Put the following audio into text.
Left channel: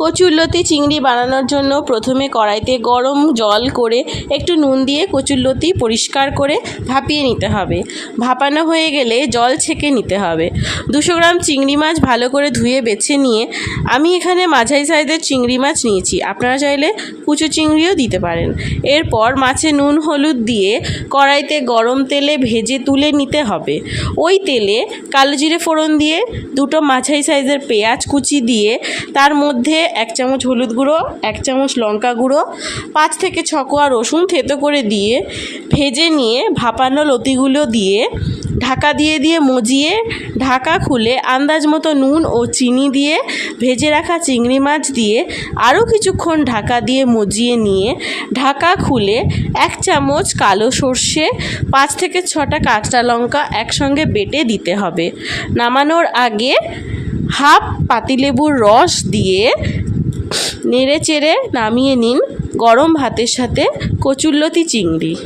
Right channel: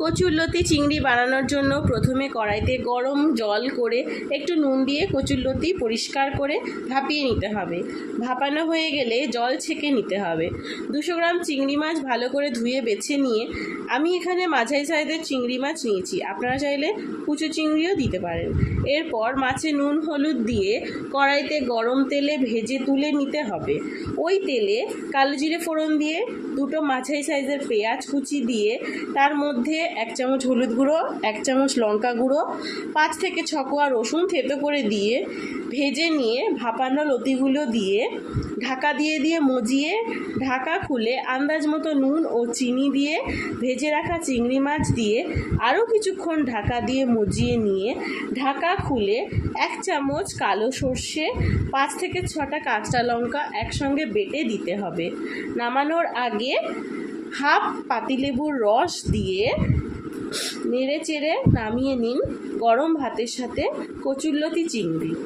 কচুরলতি চিংড়ি বানানোর জন্য প্রথমে কড়াইতে গরম জল করে একটু নুন দিয়ে কচুরলতি পরিষ্কার করে ভাপিয়ে নিতে হবে। ভাপানো হয়ে গেলে জল ছেঁকে নিতে হবে। দুশো গ্রাম চিংড়ি মাছ ভালো করে ধুয়ে বেছে নিয়ে আমি এখানে মাঝারি সাইজের চিংড়ি মাছ নিয়েছি। আপনারা চাইলে কুচো চিংড়িও দিতে পারেন। এরপর মাছে নুন, হলুদ দিয়ে কড়াইতে গরম তেলে ভেজে তুলে নিতে হবে। ওই তেলে কালো জিরে ফোড়ন দিয়ে দুটো মাঝারি সাইজের পেঁয়াজ কুচি দিয়ে তার মধ্যে এক চামচ হলুদ গুঁড়ো, এক চামচ লঙ্কা গুঁড়ো, পাঁচ থেকে ছ কোয়া রসুন থেতো করে দিয়ে ভেজে নিয়ে ভাপানো লতিগুলো দিয়ে ঢাকা দিয়ে দিয়ে মজিয়ে ঢাকা খুলে আন্দাজ মতো নুন ও চিনি দিয়ে ভেজে রাখা চিংড়ি মাছ দিয়ে আরও কিছুক্ষণ ঢাকা দিয়ে মজিয়ে নিয়ে ঢাকা খুলে এক চামচ কালো সর্ষে, পাঁচ থেকে ছটা কাঁচা লঙ্কা একসঙ্গে বেটে দিতে হবে। নামানোর আগে হাফ পাতিলেবুর রস দিয়ে নেড়ে চেড়ে নামিয়ে নিন গরম ভাতের সাথে কচুরলতি চিংড়ি।